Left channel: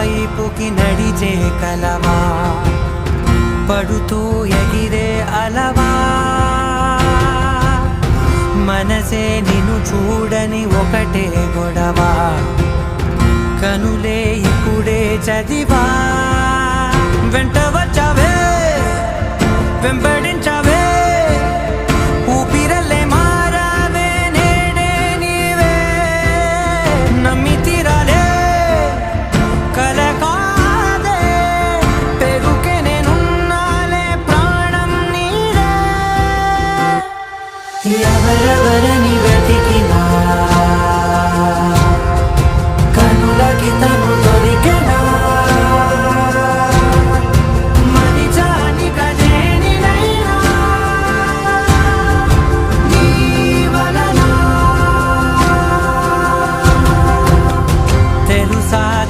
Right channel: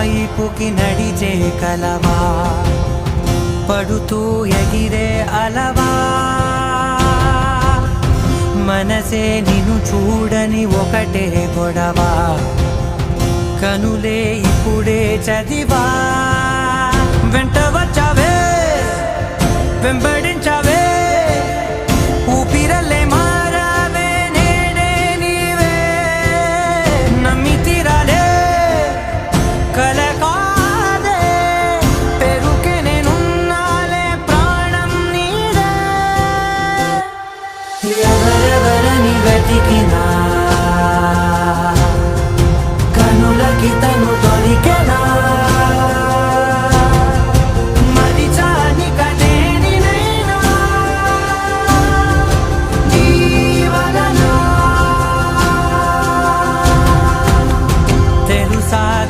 వైపుకి నడిచే కలవా, పడుతూ ఎగిరే అలవా, మనసే నిన్ను చూడని ఒకటే గొడవ, కనులే ఇప్పుడే చదివా. వెంట వచ్చావే వెంబడించావే, ఊపిరల్లే మారావే నేడే నీవే, నమ్మి తీరాలే కల కాదే, పెరుకే నేనున్నాలే ప్రాణం నీదే. ఎవరెవరని వెతికినా కనులకి తను దొరికెనా,